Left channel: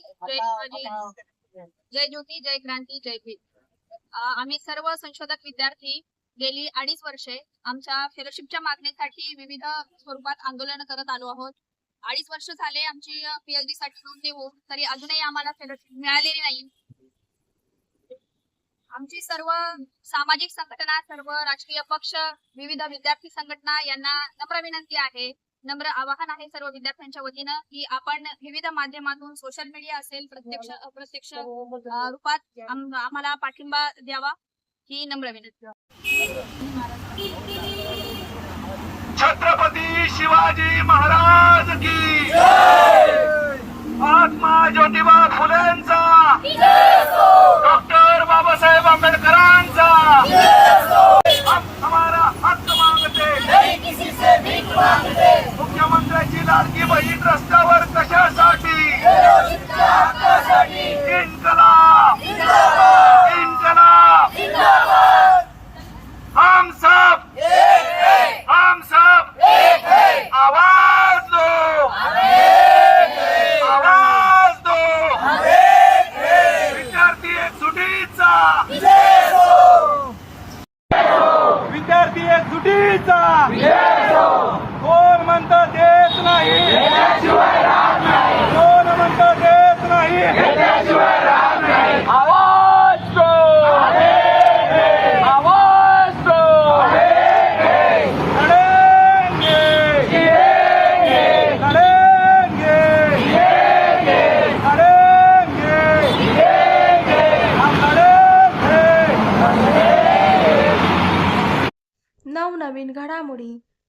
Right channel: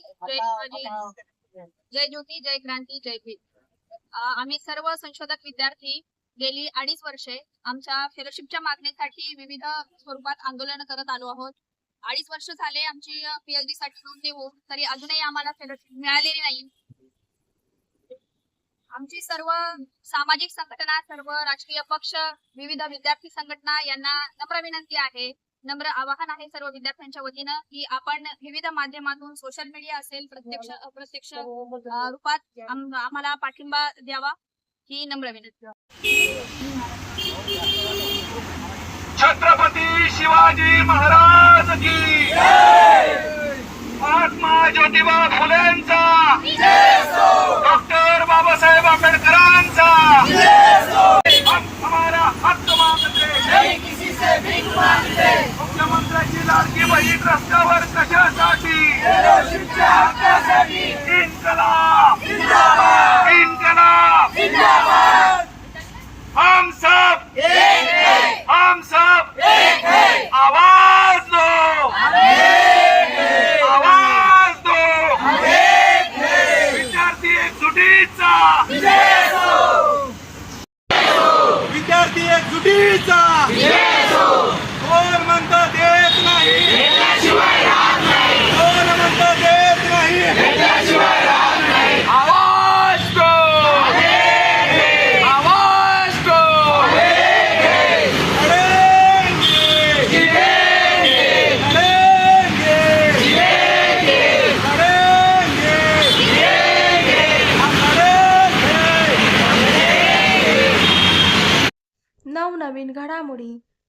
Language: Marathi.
जय शिवाजी. जय ज्योती जय क्रांती जय भीम. आम्ही सर्व संशोधक विद्यार्थी गेली अडीच वर्षे आमच्या फेलोशिपच्या मागणीसाठी विविध स्वरूपात आंदोलन करत आलो आहोत. अडीच वर्ष झाले आमची पीएचडी साठी नोंदणी होऊन तरी अजूनही आम्हाला फेलोशिप मिळालेली नाही. आमची सर्व सामाजिक संघटना सर्व राजकीय पक्ष विविध विद्यार्थी संघटना यांना नम्र विनंती आहे. नम्र आवाहन आहे सर्व विद्यार्थ्यांच्या वतीनं की आपण विविध माध्यमातून सोशल मीडिया असेल प्रत्यक्ष अप्रत्यक्ष अ, रूपात आम- आम्हाला पाठिंबा द्यावा ही नम्र विनंती. छत्रपती शिवाजी महाराज की महात्मा ज्योतिबा फुलेंचा डॉक्टर बाबासाहेब आंबेडकरांचा हम हमारा हक्क मागते। लाडकी बहीण रस्त्यावर कशासाठी? इन्कलाब इन्कलाब हम सब हम सब आवाज दो! आवाज दो! विद्यार्थी एकजुटीचा! विद्यार्थी एकजुटीचा! कोण म्हणतात देत नाही. कोण म्हणतो देत नाही आवाज दो आवाज तो. लड़ेंगे लड़ेंगे नवनवीन घडामोडी.